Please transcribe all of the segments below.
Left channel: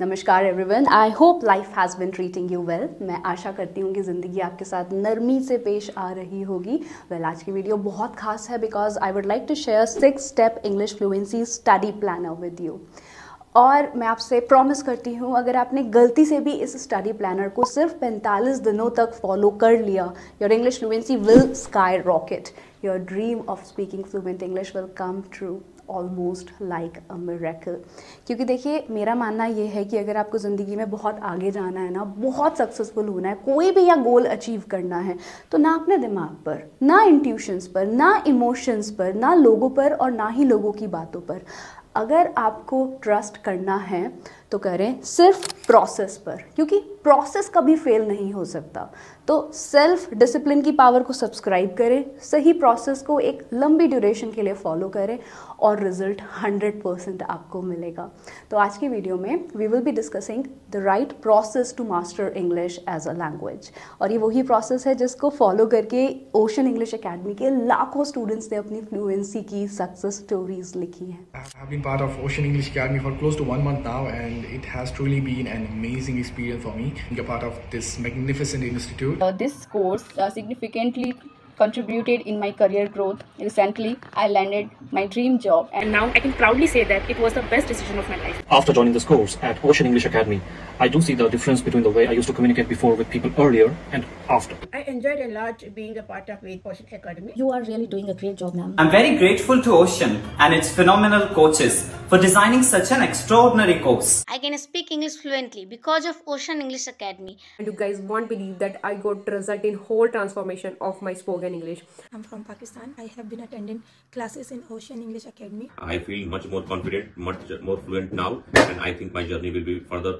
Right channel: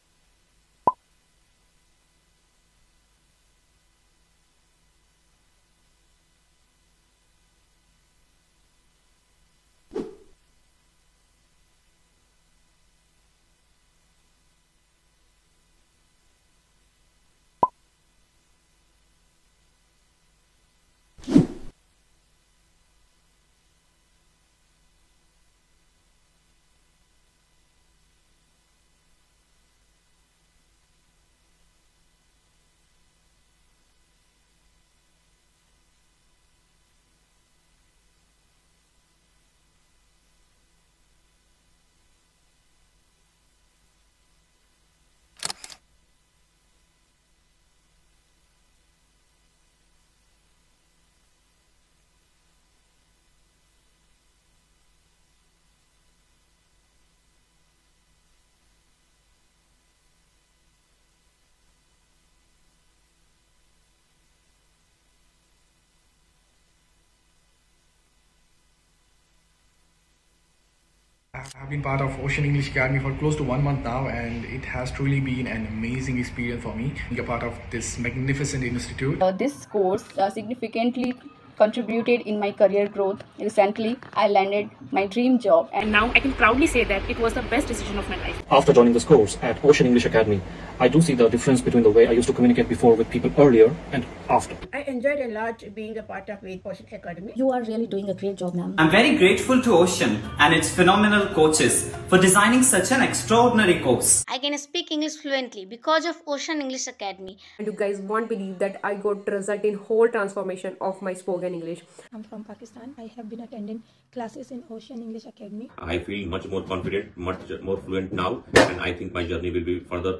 नमस्कार everyone, I hope life has been treating you well. मैं आशा करती हूँ कि ज़िंदगी आपके साथ नरमी से पेश आ रही होगी। आज की वीडियो बहुत खास है because I would like to share 6 step English fluency study planner with you. और मैं आपसे प्रॉमिस करती हूँ, अगर आपने गलती से भी इस स्टडी प्लानर को सिर्फ 45 दिनों तक फॉलो कर लिया, your English fluency will sky rocket. Your dream of speaking fluent English will come true almost like a miracle. क्योंकि देखिए, मेरा मानना ये है कि अगर आपको ज़िंदगी में बहुत आगे जाना है ना, बहुत सक्सेसफुल होना है, कोई भी या गोल अचीव करना है, तो ना अपने दिमाग पर, ना इंट्यूशंस पर, ना इमोशंस पर, ना लोगों पर और ना ही लोगों की बातों पर, अगर आपको ट्रस्ट करना है तो करें सिर्फ प्रोसेस पर, क्योंकि प्रोसेस कभी फेल नहीं हो सकता। तो सेल्फ डिसिप्लिन की पावर को सब्सक्राइब करें, सही प्रोसेस को एक लंबी ड्यूरेशन के लिए फॉलो करें और रिजल्ट 100% आपको मिलेगा। तो आज की वीडियो में we will be discussing the right process to master English as a language. और ये वही प्रोसेस है जिसको फॉलो करके ओशन इंग्लिश एकेडमी के लाखों स्टूडेंट्स ने अपनी फ्लुएंसी की सक्सेस स्टोरीज लिखी हैं। I have been part of Ocean English Academy for close to 1 month now, and it has truly been an amazing experience for me being a part of this magnificent institute. This course significantly contributed in my career growth. Recently, I landed my dream job, and now I can proudly say that it was the best decision of my life. After joining this course at Ocean English Academy, I do see the difference between the way I used to communicate before with people earlier and after. I enjoyed a lot being a part of Ocean Academy. You are really doing a great job, ma'am. I'm very grateful to Ocean and its phenomenal coaches for designing such an extraordinary course. I can speak English fluently because of Ocean English Academy. And you guys won't believe that I got result in whole transformation of my spoken English. I'm from Pakistan. I have been attending classes in Ocean English Academy. I feel much more confident, much more fluent now, and I think my journey will be further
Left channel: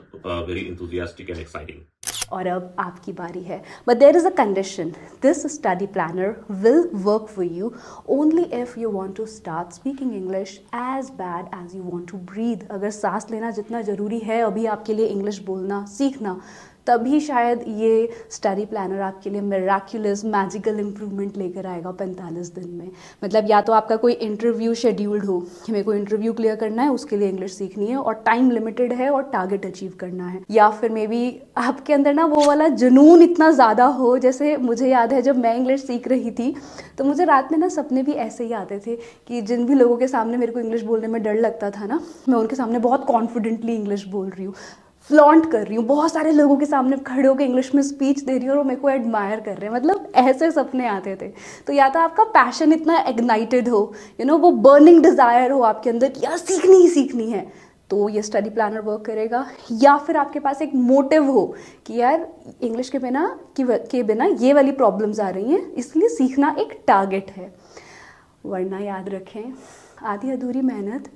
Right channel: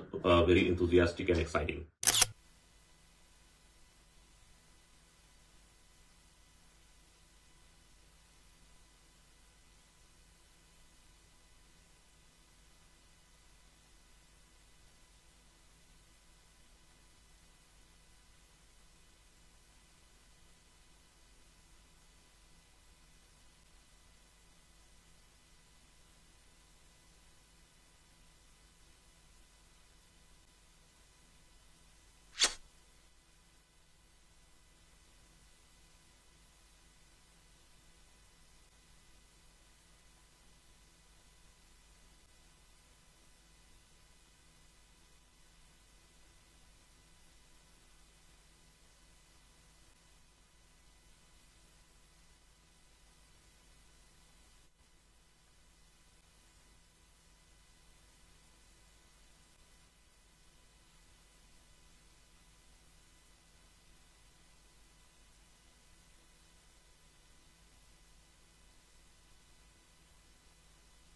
very enthusiastic and exciting. और अब आपकी बारी है, but there is a condition. This study planner will work for you only if you want to start speaking English as bad as you want to breathe. अगर सांस लेना जितना ज़रूरी है अभी आपके लिए इंग्लिश बोलना सीखना, तभी शायद ये स्टडी प्लानर आपके लिए मिराक्युलस मैजिकल इम्प्रूवमेंट लेकर आएगा 45 दिन में। मतलब या तो आपका कोई इंटरव्यू शेड्यूल्ड हो कि मेरे को इंटरव्यू क्लियर करना है, उसके लिए इंग्लिश सीखनी है और टाइम लिमिटेड है और टारगेट अचीव करना है, या फिर मे बी आपके अंदर ना वो वाला जुनून इतना ज़्यादा हो। जैसे मुझे याद है, जब मैं इंग्लिश सीख रही थी तो मुझे रात में ना सपने भी ऐसे ही आते थे कि जिन भी लोगों के सामने मेरे को इंग्लिश बोलने में डर लगता था ना, मैं उनके सामने बहुत कॉन्फिडेंटली इंग्लिश बोल रही हूँ, फ्लॉन्ट कर रही हूँ, बहुत सारे लोगों के सामने खड़े होकर इंग्लिश में स्पीच दे रही हूँ और वो मेरे को एडमायर कर रहे हैं। मतलब ऐसे सपने आते थे। तो या तो आपका पैशन इतना इग्नाइटेड हो, वो बर्निंग डिज़ायर हो आपके अंदर कि यार सीखनी ही सीखनी है, तो ये स्टडी प्लानर वर्क करेगा। या फिर आपके पास एक मोटिव हो कि यार इंग्लिश के बिना ये वाली प्रॉब्लम्स आ रही हैं, इसलिए सीखना एक टारगेट है। वरना याद रखें, आधी अधूरी मेहनत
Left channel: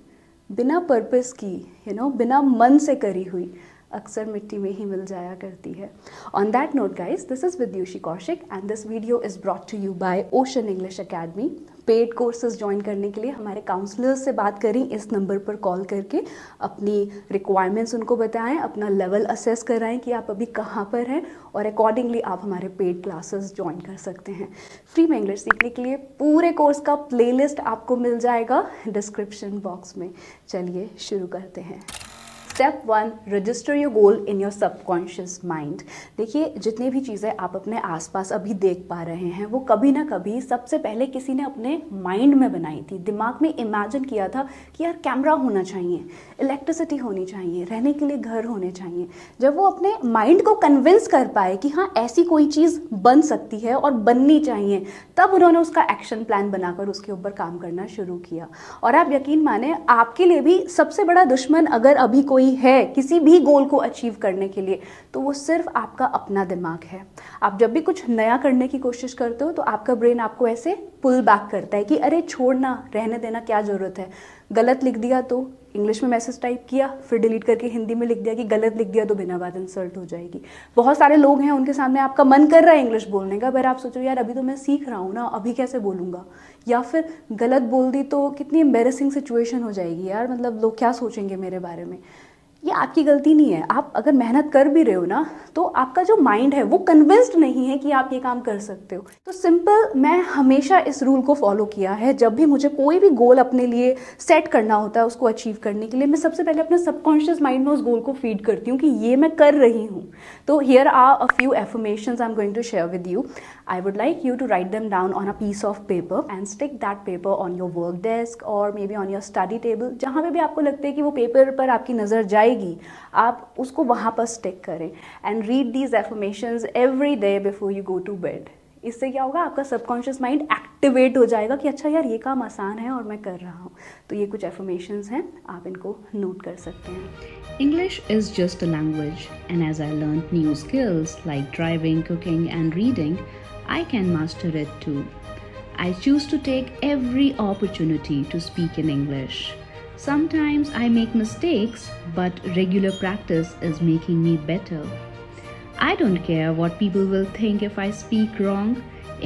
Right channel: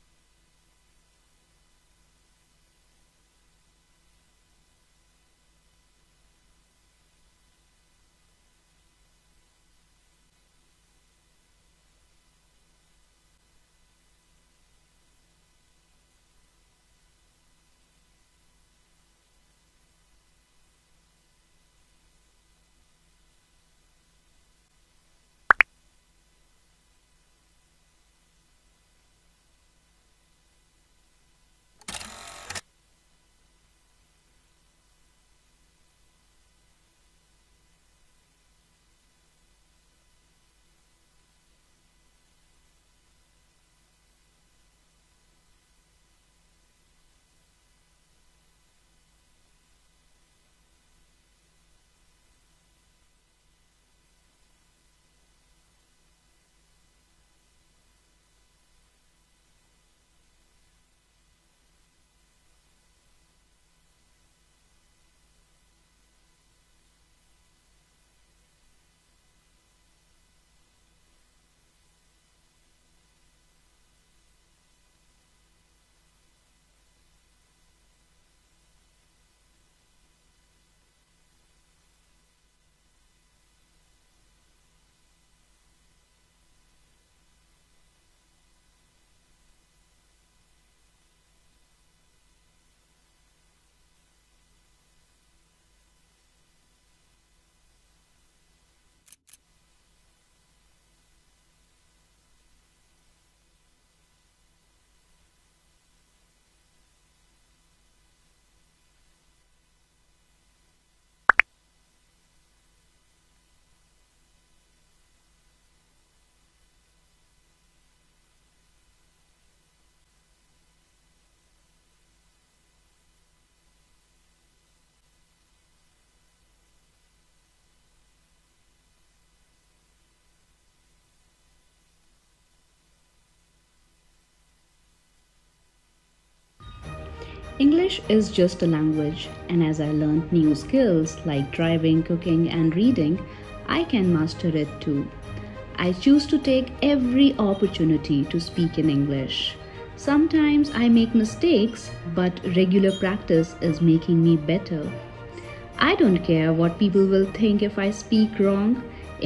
बिना पर्पस की, बिना मन से करी हुई, अक्सर मिट्टी में ही मिल जाया करती है। On that note guys, this is Vidushi Kaushik and this video is brought to you by ocean English academy. Paid courses join करने के लिए हमारे काउंसलर्स से बात करें, इस नंबर पर कॉल करके अपनी रिक्वायरमेंट्स उनको बताएं, अपना लेवल असेस कराएं कि आप अभी कहाँ पर हैं और अकॉर्डिंगली आप हमारे पेड क्लासेस ज्वाइन कर सकते हैं। फ्री में इंग्लिश सीखने के लिए पूरे कोर्स का प्लेलिस्ट आपको मिल जाएगा डिस्क्रिप्शन बॉक्स में। चलिए शुरू करते हैं। Step 1, register your goal in your subconscious mind. देखिए, जितनी भी चीज़ें आप अपने आसपास अभी देख पा रहे हैं, वो कभी ना कभी सबसे पहले किसी ने अपने माइंड में बनाई थी, दिमाग में इमेजिन किया था कि यार कैमरा होना चाहिए, इलेक्ट्रिसिटी होनी चाहिए, रहने के लिए घर होने चाहिए। जब वो अपने माइंड को कन्विंस कर पाए कि हाँ ऐसी कोई चीज़ बन सकती है और बननी चाहिए, तब उन्होंने उसका एक्शन प्लान बनाकर उसके ऊपर काम करना शुरू किया। और आप यकीन माने, आपके लिए भी सबसे बड़ा दुश्मन अगर अभी कोई है किसी भी गोल को अचीव करने के लिए, तो वो सिर्फ आपका अपना दिमाग है। आप जब भी कुछ नया करने की कोशिश करते हो तो आपका ब्रेन आपको ऐसे पुल बैक करता है कि अरे छोड़ना, रहने देना, क्या ज़रूरत है। गलत लिख दिया तो इंग्लिश में मैसेज टाइप किया, फिर डिलीट करके हिंदी में लिख दिया कि गलत लिख दिया तो बिना बात इंसल्ट हो जाएगी। बहुत सारे लोग हैं, उनके सामने आपका मन कर रहा है इंग्लिश बोलने का, पर आप सोचो यार अभी तो मैं सीख रहा हूँ ना, अभी कैसे बोलूँगा, या फिर गलत बोल दी तो कितनी एम्बेरसिंग सिचुएशन हो जाएगी यार, मतलब लोग क्या सोचेंगे मेरे बारे में। ये आपकी गलती नहीं है। आप अगर मेहनत कर भी रहे हो ना, तो आपका जो माइंड है वो कन्विंस्ड नहीं है कि आप ये काम कर सकते हो। तो सिंपल, मैं हमेशा इस रूल को फॉलो किया है। जब भी मुझे कोई भी गोल अपने लिए सेट करना होता है, उसको अचीव करने के लिए, मैं सबसे पहले अपने सबकॉन्शियस माइंड में उस गोल को फीड करती हूँ कि ये मैं कर रही हूँ। तो here are a few affirmations I am going to share with you. I would like you to write them down on a piece of paper and stick that paper on your work desk or maybe on your study table. जहाँ पे भी आपको लगता है कि वो paper पर आपकी नज़र जाएगी, आप उसको वहाँ पर स्टिक करें. And read these affirmations every day before you go to bed. इससे क्या होगा, आपका सबकॉन्शियस माइंड एक्टिवेट हो जाएगा कि अच्छा यार ये काम आसान है और मैं कर रहा हूँ. तो ये कुछ एफर्मेशंस हैं, आप इनको नोट कर सकते हैं. English is just a language, and as I learned new skills like driving, cooking and reading, I can master it too. I choose to take every opportunity to speak in English. Sometimes I make mistakes, but regular practice is making me better. I don't care what people will think if I speak wrong.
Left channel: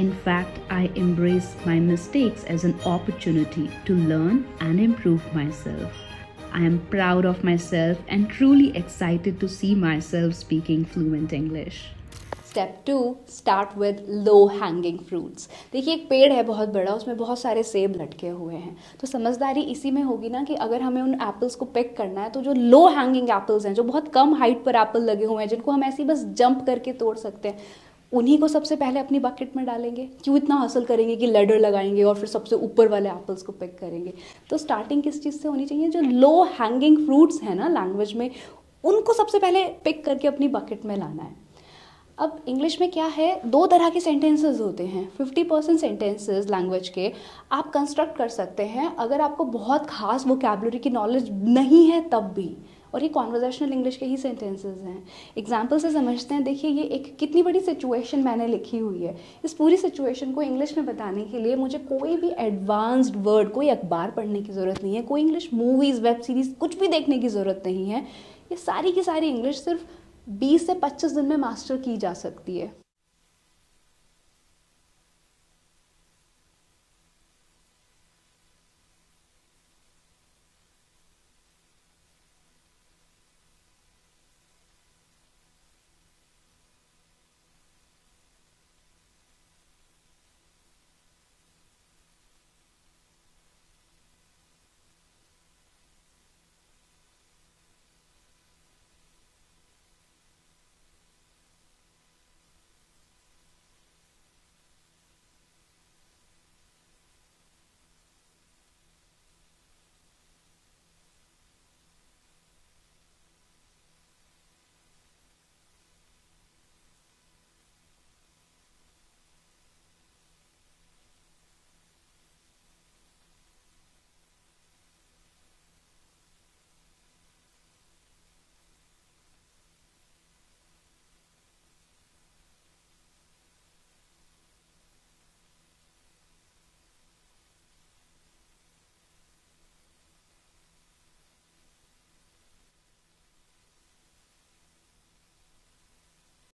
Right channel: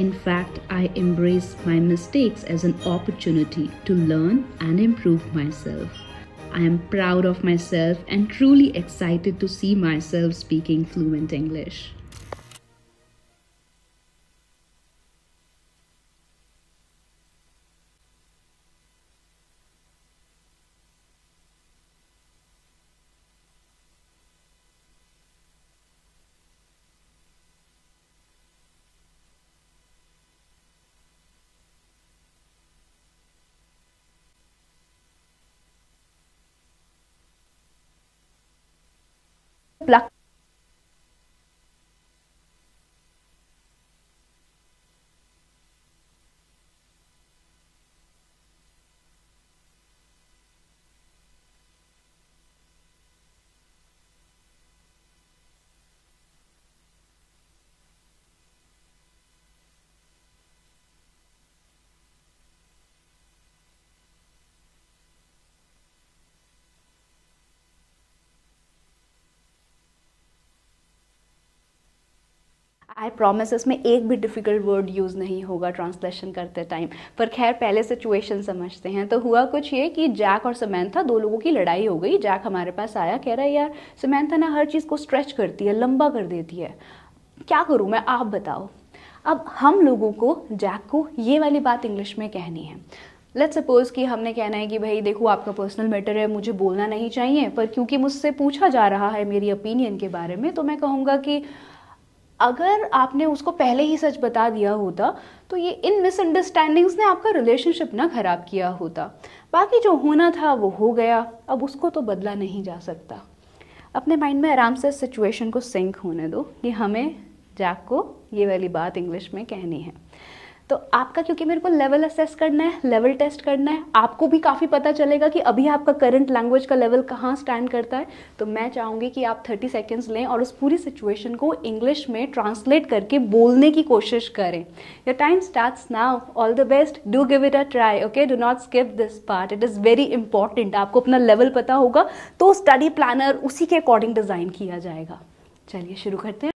In fact, I embrace my mistakes as an opportunity to learn and improve myself. I am proud of myself and truly excited to see myself speaking fluent English. Step 2, start with low hanging fruits. देखिए, एक पेड़ है बहुत बड़ा, उसमें बहुत सारे सेब लटके हुए हैं. तो समझदारी इसी में होगी ना कि अगर हमें उन एप्पल्स को पिक करना है, तो जो लो हैंगिंग एप्पल्स हैं, जो बहुत कम हाइट पर एप्पल लगे हुए हैं, जिनको हम ऐसे ही बस जंप करके तोड़ सकते हैं, उन्हीं को सबसे पहले अपनी बकेट में डालेंगे. क्यों इतना हासिल करेंगे कि लैडर लगाएंगे और फिर सबसे ऊपर वाले एप्पल्स को पिक करेंगे. तो स्टार्टिंग किस चीज़ से होनी चाहिए? जो लो हैंगिंग फ्रूट्स हैं ना लैंग्वेज में, उनको सबसे पहले पिक करके अपनी बकेट में लाना है. अब इंग्लिश में क्या है, दो तरह के सेंटेंसेस होते हैं. 50% सेंटेंसेस लैंग्वेज के आप कंस्ट्रक्ट कर सकते हैं अगर आपको बहुत खास वोकैबुलरी की नॉलेज नहीं है तब भी, और ये कॉन्वर्जेशनल इंग्लिश के ही सेंटेंसेस हैं. एग्जाम्पल से समझते हैं. देखिए, ये एक कितनी बड़ी सिचुएशन मैंने लिखी हुई है. इस पूरी सिचुएशन को इंग्लिश में बताने के लिए मुझे कोई भी एडवांस्ड वर्ड, कोई अखबार पढ़ने की ज़रूरत नहीं है, कोई इंग्लिश मूवीज़, वेब सीरीज़ कुछ भी देखने की ज़रूरत नहीं है. ये सारी की सारी इंग्लिश सिर्फ 20 से 25 दिन में मास्टर की जा सकती है. आई प्रॉमिस, इसमें एक भी डिफ़िकल्ट वर्ड यूज़ नहीं होगा ट्रांसलेशन करते टाइम. पर खैर, पहले सिचुएशन समझते हैं. तो हुआ कुछ ये कि जैक और समैंथा, दो लोगों की लड़ाई हो गई. जैक हमारे पास आया, कह रहा है यार समैंथा ना हर चीज़ को स्ट्रेच करती है, लंबा कर देती है, क्या करूँ मैं, आप बताओ. अब हम लोगों को जैक को ये वाली बात इंग्लिश में कहनी है. लेट्स सपोज कि हमने कहना है कि भाई देखो, आपका पर्सनल मैटर है, मुझे बोलना नहीं चाहिए, पर क्योंकि मुझसे पूछा जा रहा है मेरी ओपिनियन के बारे में, तो मैं कहूँगा कि अगर आपने उसको पहले ही सच बता दिया होता तो ये इन मिसअंडरस्टैंडिंग्स ने आपका रिलेशनशिप ना ख़राब किया होता. बाकी जो होना था वो हो गया, अब उसको तो बदला नहीं जा सकता. अपने माइंड में आराम से सिचुएशन को सिंक होने दो कि हमें जैक को ये वाली बात इंग्लिश में कहनी है. तो आपका, क्योंकि मेरे को लेवल असेस करना है, लेवल टेस्ट करना है, आपको भी काफ़ी पता चलेगा कि अभी आपका करंट लैंग्वेज का लेवल कहाँ स्टैंड करता है. तो मैं चाहूँगी कि आप 30 सेकेंड्स लें और उस पूरी सिचुएशन को इंग्लिश में ट्रांसलेट करके बोलने की कोशिश करें. Your time starts now. All the best. Do give it a try. Okay, do not skip this part. It is very important. आपको अपना लेवल पता होगा तो स्टडी प्लानर उसी के अकॉर्डिंग डिज़ाइन किया जाएगा. चलिए शुरू करते हैं.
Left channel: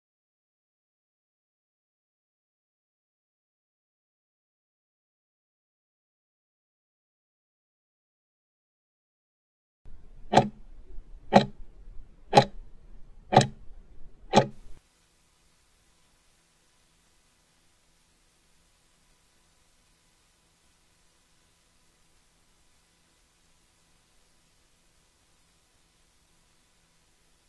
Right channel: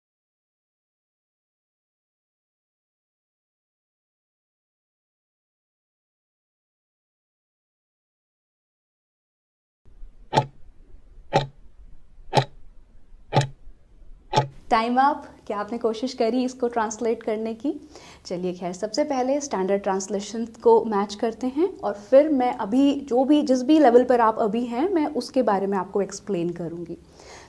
Time up. क्या आपने कोशिश करी इसको ट्रांसलेट करने की? चलिए खैर, सबसे पहले स्टैंडर्ड ट्रांसलेशन को मैच करते हैं और फिर मैं अभी जिस भी लेवल पर आप अभी हैं, मैं उसके बारे में आपको एक्सप्लेन करूँगी.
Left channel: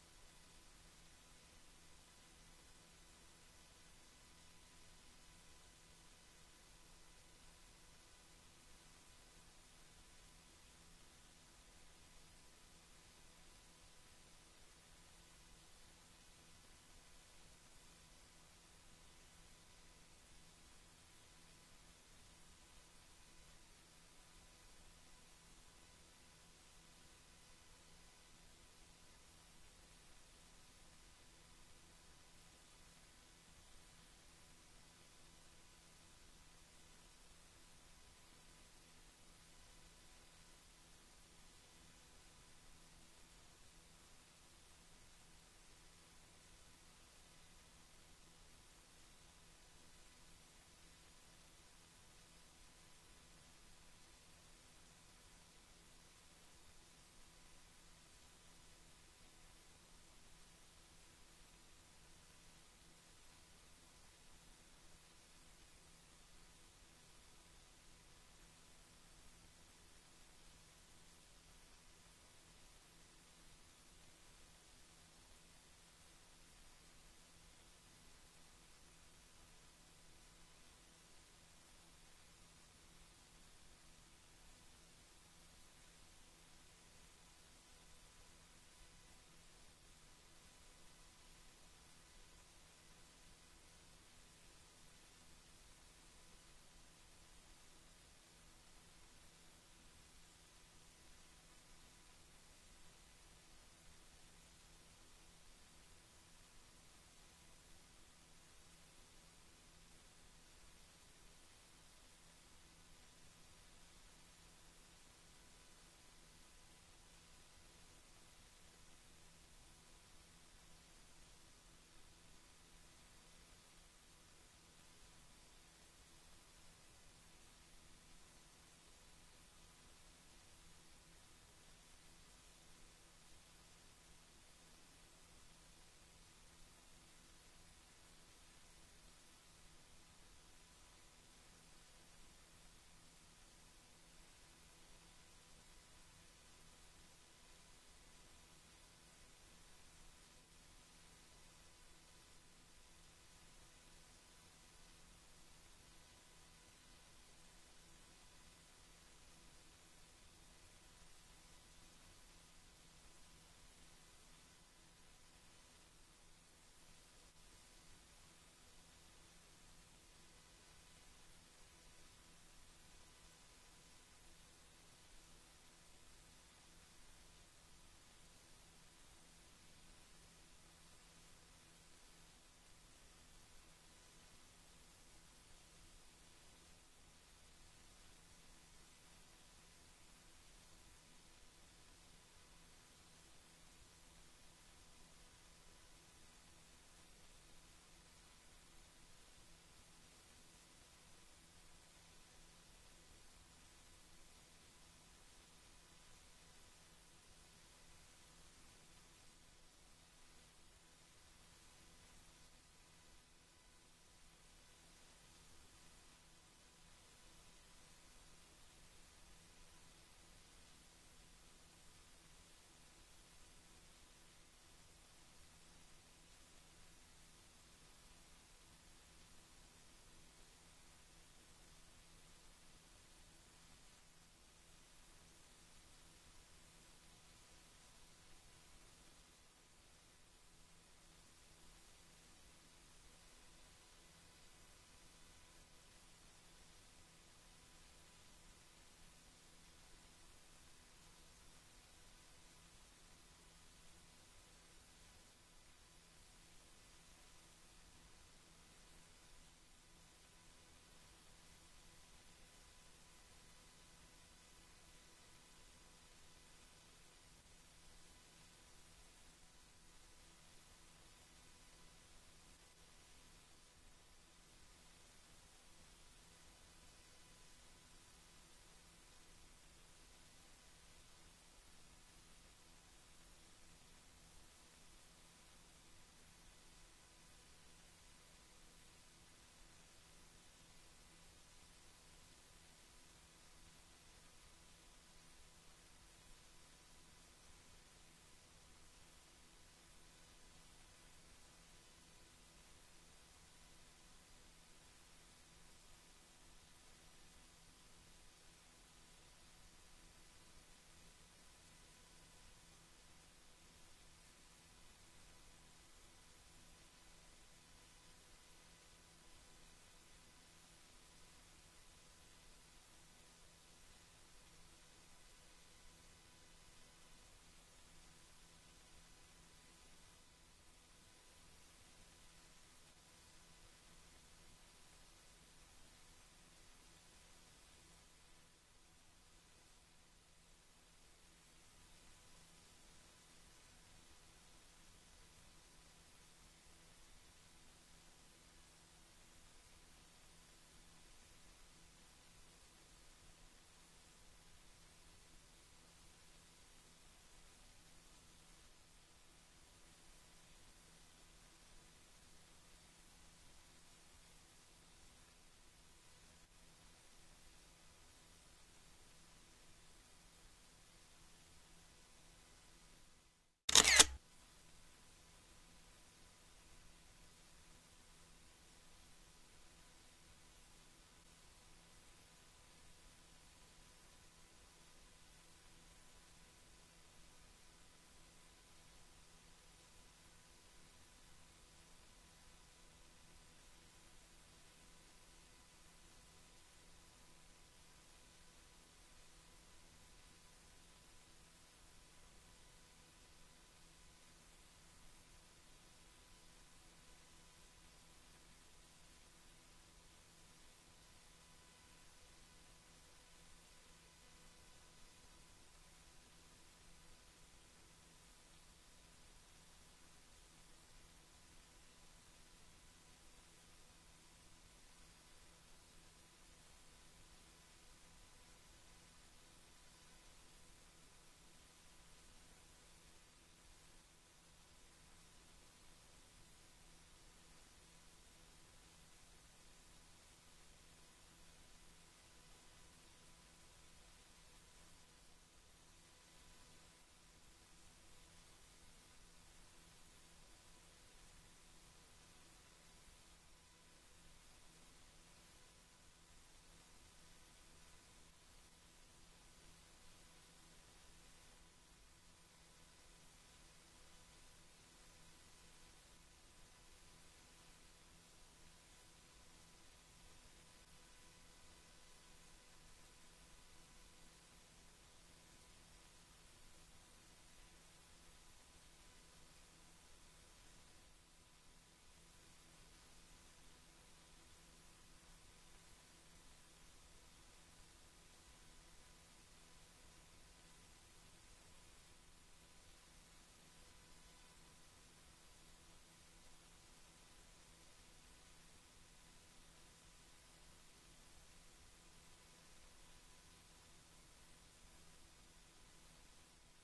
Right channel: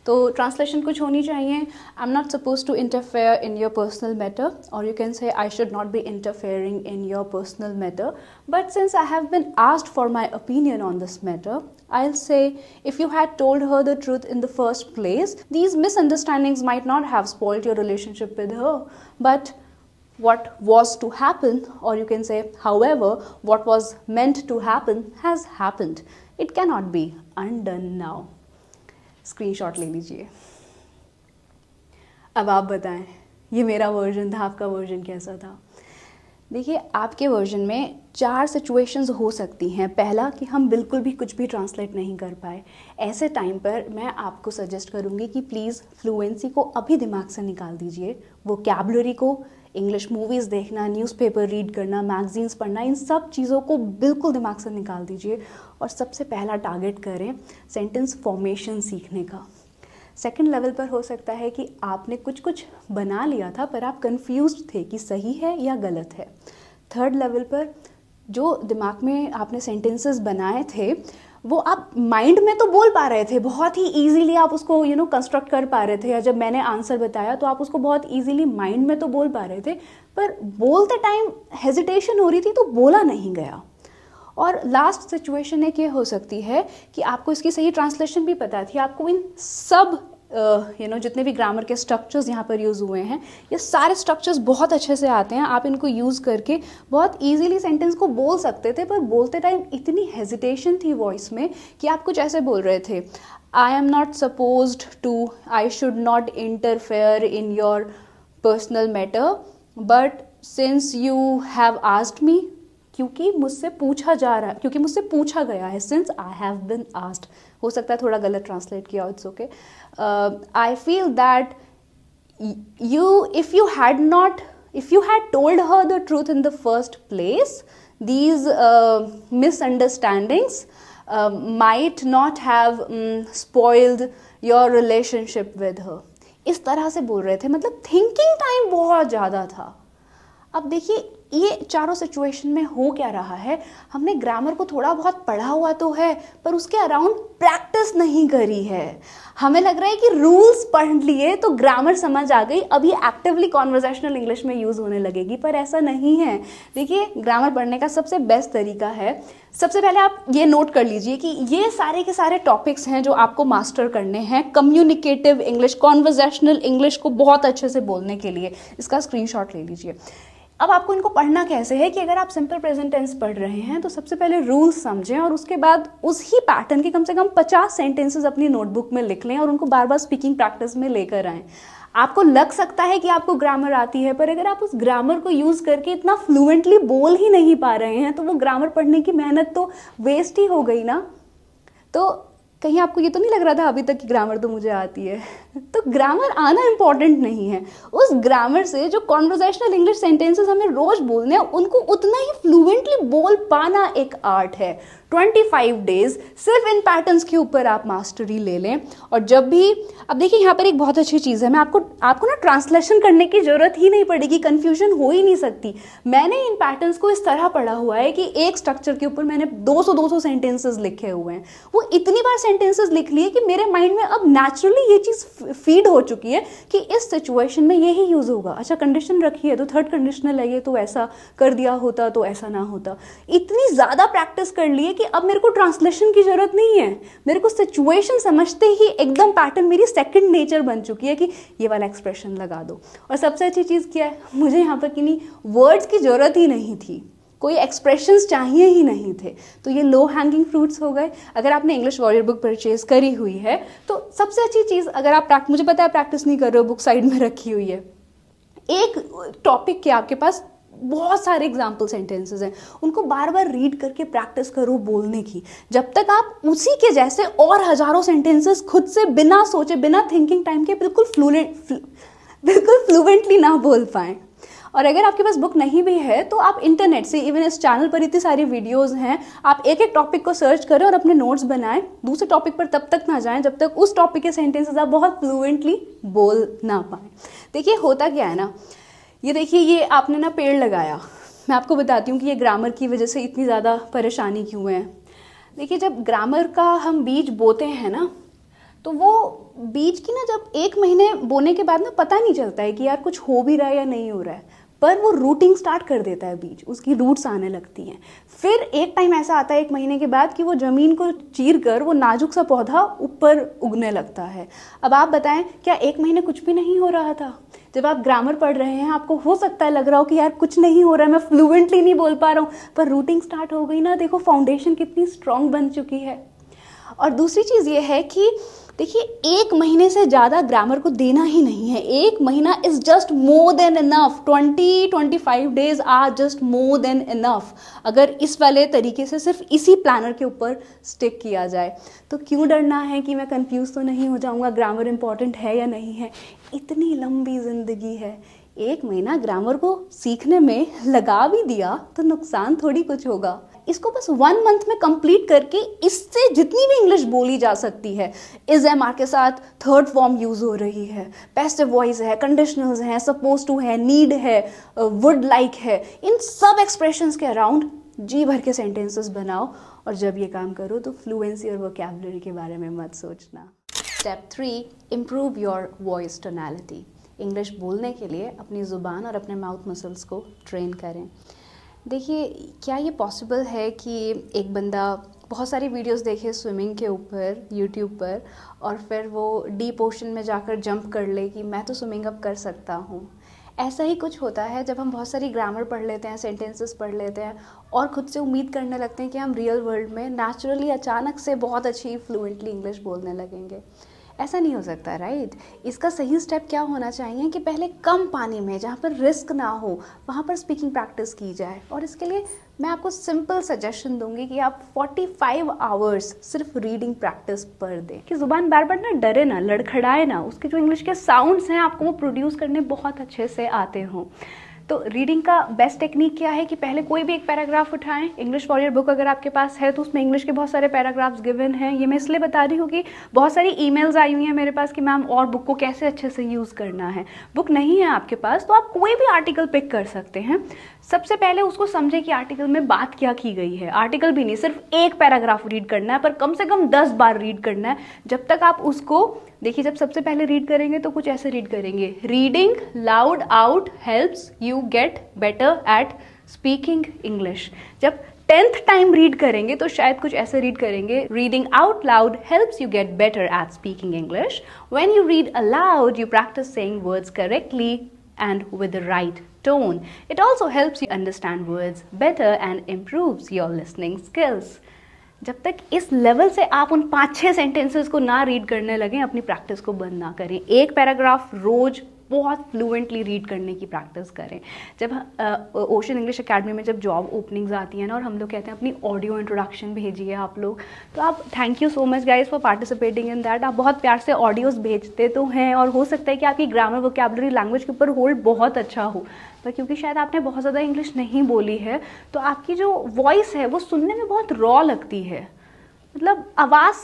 तो ट्रांसलेशन कुछ होनी चाहिए. I am not suppose to interfere in your personal matter, और you can say I should not be interfering in your personal matter, but since I have been asked for my opinion on this matter, I'll say, if you had told her the truth in the first place, these misunderstandings might not have spoiled your relationship with her. But what was to happen, or you can say, however, what was meant to happen has happened. It cannot be undone now. Screenshot ले लीजिए. अब आप बताएं, ये मेरा version था, आपका version कैसा था? देखिए, आपके वर्जन में 4 सिचुएशंस हो सकती हैं. पहला कि हम बिल्कुल भी कुछ भी ट्रांसलेट नहीं कर पाए. ऐसे टाइम पर मैं आपको सजेस्ट करूँगी कि प्लीज़ फ्लुएंसी को अभी दिमाग से निकाल दीजिए. वोकैबुलरी को, इंग्लिश मूवीज़ देखना, न्यूज़पेपर रीड करना, मैगजीन्स पढ़ना, इन सब चीज़ों को बिल्कुल दिमाग से निकाल दीजिए और सबसे पहला टारगेट करें सेंटेंस फॉर्मेशन सीखने का। सेकंड लेवल पर हो सकता है कि आपने कुछ बना लिया था पर आप कंफ्यूज्ड थे कि सही है या गलत है। थर्ड लेवल पर जो दिमाग में आपने सेंटेंसेस बनाए थे वो आप माइंड में तो बोल पा रहे थे, बहुत ही इजीली आप उसको कंस्ट्रक्ट कर पा रहे थे, या जब मैंने आंसर बताया तो आप उसको बहुत इजीली माइंड में तो बोल पा रहे थे, पर बोलते टाइम हेजिटेशन हो रही थी तो बोला नहीं गया। और लास्ट सिचुएशन एक ये हो सकती है कि आपको इसकी सही ट्रांसलेशन भी पता थी, आपको इन सब जितने भी ग्रामर के स्ट्रक्चर्स यहाँ पर यूज़ हुए हैं, ये सारे स्ट्रक्चर्स बहुत अच्छे से आते हैं, आप इनको यूज़ करके बहुत इजीली सेंटेंस को बोल सकते थे, पर बोलते टाइम इतनी हेजिटेशन थी वॉइस में कि आप कुछ ऐसे बोल रहे थे, I am not supposed to, I should not interfere in your personal matter, but since you have asked me, क्योंकि मुझसे पूछा जा रहा है, क्योंकि मुझसे पूछा गया है, since I have been asked. हो सकता है थोड़ा गलत ट्रांसलेट किया, it's okay. I feel that if you had told her the truth in the first place, these misunderstandings might not have spoiled your relationship with her. इस तरह से बोल रहे थे, मतलब थिंकिंग टाइम बहुत ज़्यादा था। अब देखिए ये चारों सिचुएशन में हो क्या रहा है, हमने ग्रामर को थोड़ा बहुत पढ़ा हुआ तो है पर उसके अराउंड प्रैक्टिस नहीं करी है। हमें लग रहा है कि रूल्स पढ़ लिए तो ग्रामर समझ आ गई, अब ये एक्टिवली कॉन्वर्सेशनल इंग्लिश में यूज़ होने लगेगी, पर ऐसा नहीं है। देखिए ग्रामर पढ़ने का सबसे बेस्ट तरीका है, सबसे पहले आप ये नोट कर लीजिए कि ये सारे के सारे टॉपिक्स हैं जो आपको मास्टर करने हैं कम्युनिकेटिव इंग्लिश, कॉन्वर्सेशनल इंग्लिश को बहुत अच्छे से बोलने के लिए। इसका स्क्रीनशॉट ले लीजिए। अब आपको इनको पढ़ना कैसे है कि अगर आप सिंपल प्रेजेंट टेंस पढ़ रहे हैं तो सबसे पहले रूल्स समझें और उसके बाद उसी पैटर्न के कम से कम 50 सेंटेंसेस अपनी नोटबुक में लिख लें और उनको बार बार स्पीकिंग प्रैक्टिस में लेकर आएँ। आपको लग सकता है कि आपको ग्रामर आती है, पर अगर आप उस ग्रामर को यूज़ करके इतना फ्लुएंटली बोल ही नहीं पा रहे हैं तो वो ग्रामर पढ़ने की मेहनत तो वेस्ट ही हो गई ना। तो कहीं आपको ये तो नहीं लग रहा था अभी तक कि ग्रामर तो मुझे आती है? तो ग्रामर आना इम्पॉर्टेंट नहीं है, उस ग्रामर से जो कॉन्वर्सेशनल इंग्लिश सेंटेंसेस हमें रोज बोलने हैं उनको उतना ही फ्लुएंटली बोल पाना एक आर्ट है। 25 डेज सिर्फ इन पैटर्न्स के ऊपर आप मास्टरी ले लें। और जब भी, अब देखिए यहाँ पर एक बहुत अच्छी चीज़ है, मैं आपको ना ट्रांसलेशन करने की ज़रूरत ही नहीं पड़ेगी, कन्फ्यूजन हो ही नहीं सकती। मैंने इन पैटर्न्स को इस तरह पढ़ा हुआ है कि एक स्ट्रक्चर के ऊपर मैंने 200 सेंटेंसेस लिखे हुए हैं, वो इतनी बार सेंटेंसेस लिख लिए कि मेरे माइंड में अब नेचुरली ये चीज़ फीड हो चुकी है कि इस सिचुएशन में यही यूज़ होगा। अच्छा कंडीशन रखी है तो थर्ड कंडीशनल है ये, तो ऐसा कर दिया होता तो ऐसा ना होता। इतनी ज़्यादा प्रैक्टिस कर लिए कि अब मेरे को ट्रांसलेशन की जरूरत नहीं है, मेरे को सिचुएशन समझते ही एकदम पैटर्न मेरी सेकंड नेचर बन चुकी है कि ये वाला एक्सप्रेशन लगा दो। और सबसे अच्छी चीज़ क्या है, मुझे यहाँ पर किन्हीं वर्ड्स की जरूरत ही नहीं थी, कोई एक्सप्रेशंस चाहिए ही नहीं थे। तो ये लो हैंगिंग फ्रूट्स हो गए। अगर आपने इंग्लिश वॉरियर बुक परचेज करी हुई है तो सबसे अच्छी चीज़, अगर आप मुझे पता है प्रैक्टिस नहीं कर रहे हो, बुक साइड में रखी हुई है, एक टॉपिक के आपके पास बहुत सारे एग्जाम्पल सेंटेंसेस हैं, उनको बार बार रीड करके प्रैक्टिस करो बोलने की। जब तक आप उसी के जैसे और हजारों सेंटेंसेस खुद से बिना सोचे, बिना थिंकिंग टाइम के बिल्कुल फ्लुएंटली ना बोल पाएं। और अगर आपके पास बुक नहीं भी है तो आप इंटरनेट से, इवन इस चैनल पर इतनी सारी वीडियोस हैं, आप एक एक टॉपिक को सर्च करें और अपने नोट्स बनाएं। दूसरे टॉपिक पर तब तक ना जाएं जब तक उस टॉपिक के सेंटेंसेस आप बहुत फ्लुएंटली बोल ना पाएं। देखिए होता क्या है ना, ये देखिए ये आपने ना पेड़ लगाया, मैं आपको बताती हूँ कि ये ग्रामर की वजह से इतनी ज़्यादा परेशानी क्यों है। देखिए जब ग्रामर का हम बीज बोते हैं ना, तो वो बीज की ना जब 1 महीने बोने के बाद ना पता नहीं चलता है कि यार कुछ हो भी रहा है या नहीं हो रहा है, पर वो रूटिंग स्टार्ट कर देता है बीज, उसकी रूट्स आने लगती हैं। फिर एक टाइम ऐसा आता है 1 महीने के बाद कि वो ज़मीन को चीर कर वो नाजुक सा पौधा ऊपर उगने लगता है। अब आप बताएं, क्या 1 महीने कुछ भी नहीं हो रहा था? जब आप ग्रामर पढ़ रहे हैं आपको हो सकता है लग रहा हो कि यार कुछ नहीं हो रहा है, मैं फ्लुएंटली नहीं बोल पा रहा हूँ, पर रूटिंग स्टार्ट हो गई ना, देखो फाउंडेशन कितनी स्ट्रांग बन चुकी है। और दूसरी चीज़ ये है कि देखिए 1 महीने से ज़्यादा ग्रामर को देना ही नहीं है। 1 महीना is just more than enough. 20-25 days are just more than enough. अगर इस वाले तरीके से सिर्फ इसी प्लानर के ऊपर स्टिक किया जाए तो क्यों डरना है कि मैं कंफ्यूज तो नहीं हो जाऊंगा, ग्रामर इंपॉर्टेंट है या नहीं है। इतनी लंबी ज़िंदगी है, 1 महीना ग्रामर को सीखने में लगा भी दिया तो नुकसान थोड़ी कुछ होगा। इसको बस 1 मंथ में कंप्लीट करके इससे जितनी भी इंग्लिश बोली जा सकती है, इज एम आर के साथ थर्ड फॉर्म यूज हो रही है, पैसिव वॉइस है, कंडीशनल्स हैं, सपोज टू है, नीड है, वुड लाइक है, इन सब एक्सप्रेशंस के अराउंड जी भर के सेंटेंसेस बनाओ। और जब ये काम करो तो फ्लुएंसी और वोकैबुलरी के बारे में मत सोचना। Step 3, improve your voice tonality. English बोलने के लिए अपनी ज़ुबान और अपने माउथ मसल्स को ट्रेन करें। देखिए, क्या ये पॉसिबल है कि एक बंदा बहुत सारी वीडियोस देखे स्विमिंग के ऊपर यूट्यूब पर और फिर वो डीप ओशन में जाकर जंप कर ले कि मैं तो स्विमिंग अब कर सकता हूँ? ऐसा ही कुछ होता है जब हम बहुत सारी ग्रामर पढ़ लेते हैं, सेंटेंसेस पढ़ लेते हैं और खुद से उम्मीद करने लगते हैं कि हम रियल वर्ल्ड में नेचुरली अचानक से बहुत अच्छी फ्लुएंटली इंग्लिश बोलने लगेंगे। ऐसा नहीं हो सकता, राइट? इसका सही स्टेप क्या होना चाहिए कि पहले कम पानी में, जहाँ पर रिस्क ना हो, वहाँ पर स्पीकिंग प्रैक्टिस की जाए। और इसके लिए मैं आपको सिंपल सजेशन दूंगी कि आप 45 आवर्स सिर्फ रीडिंग प्रैक्टिस पर दें, कि ज़ुबान बार बार ना डरे ना, लड़खड़ाए ना, उसके जो इंग्लिश के साउंड्स हैं आपको वो प्रोड्यूस करने बहुत अच्छे से आते हों। तो रीडिंग का बेस्ट टेक्निक क्या है कि पहले कोई भी एक पैराग्राफ उठाएं। इंग्लिश वॉरियर बुक अगर आपके पास है तो उसमें इंग्लिश के बहुत सारे पैराग्राफ्स गिवन हैं। ये मैं इसलिए बता रही हूँ कि बहुत सारी ईमेल्स आई हुई हैं मेरे पास कि मैम और बुक को कैसे अच्छे से यूज़ करना है। बुक नहीं है आपके पास तो आप कोई भी आर्टिकल पिक कर सकते हैं। सबसे पहले उसको समझे कि आर्टिकल में बात क्या की गई है। आर्टिकल भी नहीं, सिर्फ एक पैराग्राफ रीड करना है, पर कम से कम 10 बार रीड करना है। जब तक आप उसको देखिए, जब सबसे पहले रीड करेंगे तो कुछ ऐसे रीड करेंगे, reading loud out helps you get better at speaking English. जब 10th टाइम रीड करेंगे तो शायद कुछ ऐसे रीड करेंगे, reading out loud helps you get better at speaking English. When you read aloud you practice saying words correctly and with the right tone. It also helps you understand words better and improves your listening skills. जब तक इस level से आप उन 5-6 sentences को ना read करने लगें, अपनी प्रैक्टिस को बंद ना करें। एक पैराग्राफ रोज बहुत फ्लुएंटली रीड करने की प्रैक्टिस करें। जब ओशन इंग्लिश एकेडमी में जब जॉब ओपनिंग्स आती हैं ना और हम लोग कहते हैं अपनी ऑडियो इंट्रोडक्शन भेजिए आप लोग, तो आप thank you so much guys for participating in that. आप बहुत प्यार से ऑडियोज भेजते तो हैं और हो सकता है कि आपकी ग्रामर वोकैबुलरी लैंग्वेज के ऊपर होल्ड बहुत अच्छा हो, पर क्योंकि शायद आपने बहुत ज़्यादा इंग्लिश नहीं बोली है तो आपकी जो वॉइस है वो सुनने में बहुत रॉ लगती है। मतलब आवाज़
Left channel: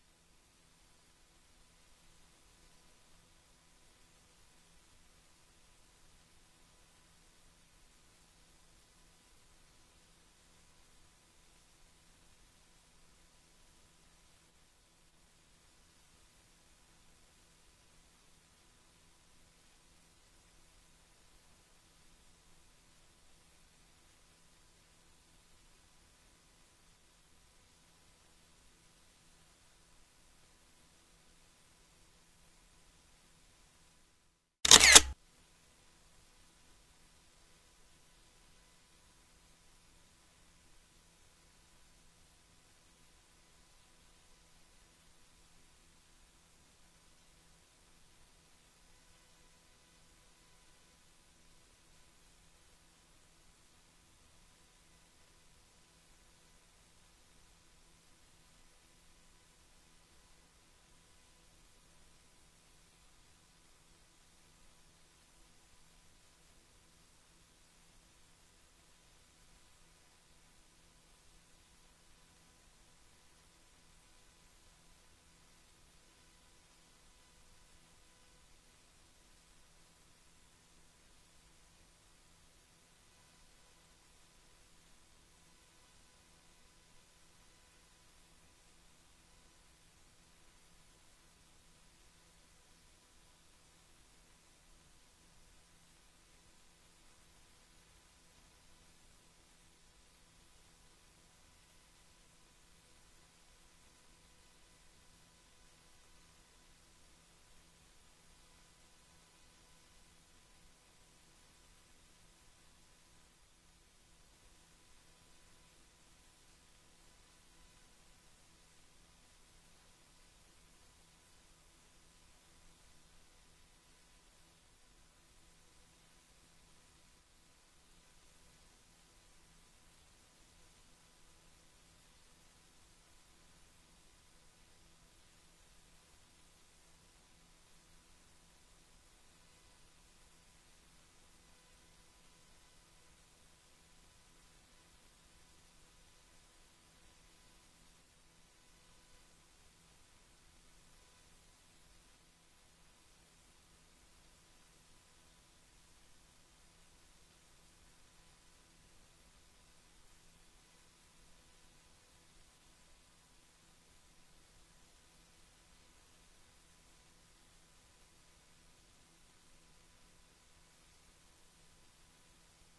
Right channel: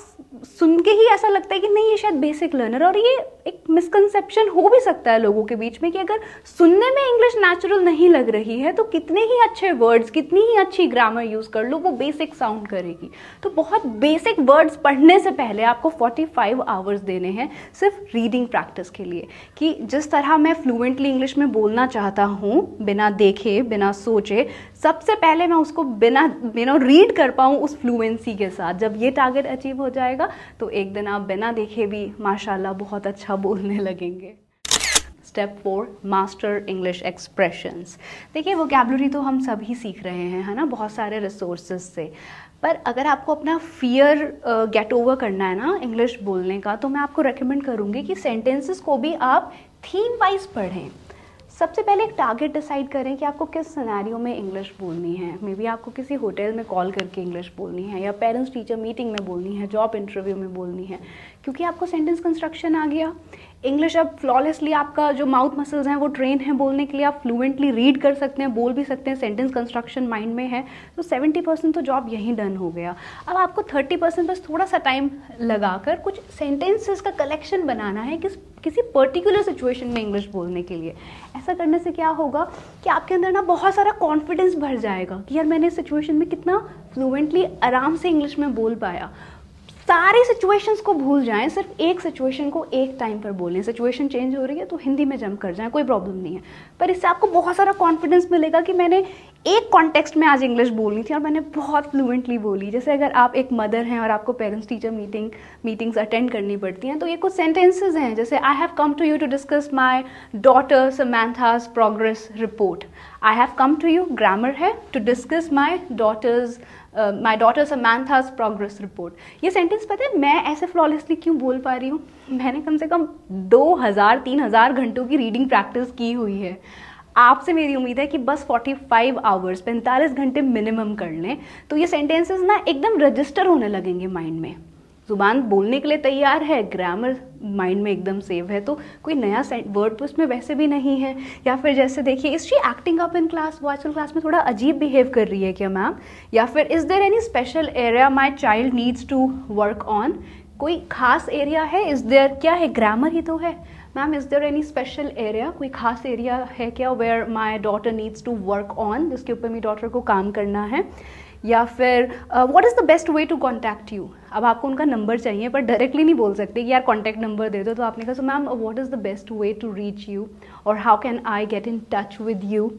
सुन के ही ऐसा लगता है कि नहीं ये शायद बेसिक लर्नर। और ये एक मिसकंसेप्शन हो भी सकता है लोगों के बीच में कि अगर सुनने में इंग्लिश नेचुरल नहीं लग रही है तो कितने ही अच्छे वर्ड्स, कितनी ही अच्छी ग्रामर यूज़ कर लो, वो बेसिक साउंड करेगी। तो बहुत बेसिक वर्ड्स पढ़ने से पहले आपको 45 आवर्स देने हैं सिर्फ रीडिंग प्रैक्टिस के लिए, कि जिस तरह मैं फ्लुएंटली इंग्लिश में बोलना चाहता हूँ बिना देखे, बिना सोचे, सबसे पहले मैं उसको बिना रीड कर पाऊँ उस फ्लुएंसी के साथ। जब ये टारगेट अचीव हो जाएगा तो एक दिन आप बिना देखे भी माशाल्लाह बहुत अच्छा बोलने लगेंगे। Step 4, master English expressions. देखिए, वोकैबुलरी तो हम सभी सीख रहे हैं, है ना, बहुत सारे रिसोर्सेज से। पर अगर आपको अपना फियर गेट ओवर करना है ना इंग्लिश बोलने का, तो मैं आपको रेकमेंड करूँगी कि सेंटेंसेस को भी आप थीम वाइज पढ़ें। सबसे पहले एक टारगेट डिसाइड करें कि आपको किस सिनेरियो में इंग्लिश बोलनी है। मे बी आपको किसी होटल में कॉल करके इंग्लिश बोलनी है, या पेरेंट्स टीचर मीटिंग में बोलनी है, जॉब इंटरव्यू में बोलनी है, क्योंकि आपको सेंटेंस कंस्ट्रक्शन आ गया। इंग्लिश अब फ्लॉलेसली, आपका जो माउथ मसल्स हैं वो ट्रेन है बोलने के लिए, आप फ्लुएंटली रीड कर सकते हैं, बोल भी सकते हैं, सेंटेंस कंस्ट्रक्शन माइंड में है, तो 70% तो जॉब यहीं डन हो गया। अब आपको 30% बस थोड़ा सा टाइम लगाकर कुछ सेंटेंसेस का कलेक्शन बनाना है किसी पर्टिकुलर सिचुएशन में इंग्लिश बोलने के लिए। ऐसा करने से क्या होगा कि आपके अंदर ना बहुत सारा कॉन्फिडेंस भर जाएगा कि यार मैंने इस सिचुएशन में कितना फ्लुएंटली आराम से इंग्लिश में बोल पाया। सारी सिचुएशंस को भूल जाएं, सिर्फ एक सिचुएशन को एक टाइम पर बोलें। सिचुएशन चेंज हो रही है तो हिंदी में जंप कर जाएं, कोई प्रॉब्लम नहीं है, पर इससे आपको बहुत सारा कॉन्फिडेंस मिलेगा कि मैंने एक कॉन्टेक्स्ट में आज इंग्लिश बोलनी थी और मैंने बहुत फ्लुएंटली बोली। जैसे अगर आप एक मदर हैं और आपको पेरेंट्स टीचर मीटिंग्स अटेंड करनी पड़ती हैं, तो ये कुछ सेंटेंसेस हैं, जैसे I have come to you to discuss my daughter Samantha's progress report. I have come to you grammar है, to discuss my daughter Samantha's progress report. ये सेंटेंस पता है मैं ऐसे फ्लॉलेसली क्यों बोल पा रही हूँ? मैंने कम से कम 2000-3000 घंटों की रीडिंग प्रैक्टिस की हुई है। आपसे मेरी उम्मीद है कि बस 45 आवर्स 45 घंटे मिनिमम कर लें तो ये सेंटेंसेस ना एकदम रजिस्टर होने लगेंगे माइंड में। ज़ुबान बोलने के लिए तैयार है, ग्रामर माइंड में एकदम सेव है, तो कोई नया वर्ड तो इसमें वैसे भी नहीं है। या फिर जैसे देखिए, is she acting up in class, वो आजकल क्लास में थोड़ा अजीब बिहेव कर रही है क्या मैम? या फिर is there any special area my child needs to work on, कोई खास एरिया है? इज देयर, क्या है, ग्रामर ही तो है ma'am. Is there any special area, कोई खास एरिया है क्या where my daughter needs to work on, जिसके ऊपर मेरी डॉटर को काम करना है? या फिर what is the best way to contact you, अब आपको उनका नंबर चाहिए पर डायरेक्टली नहीं बोल सकते कि यार कॉन्टैक्ट नंबर दे दो, तो आपने कहा so ma'am what is the best way to reach you, और how can I get in touch with you?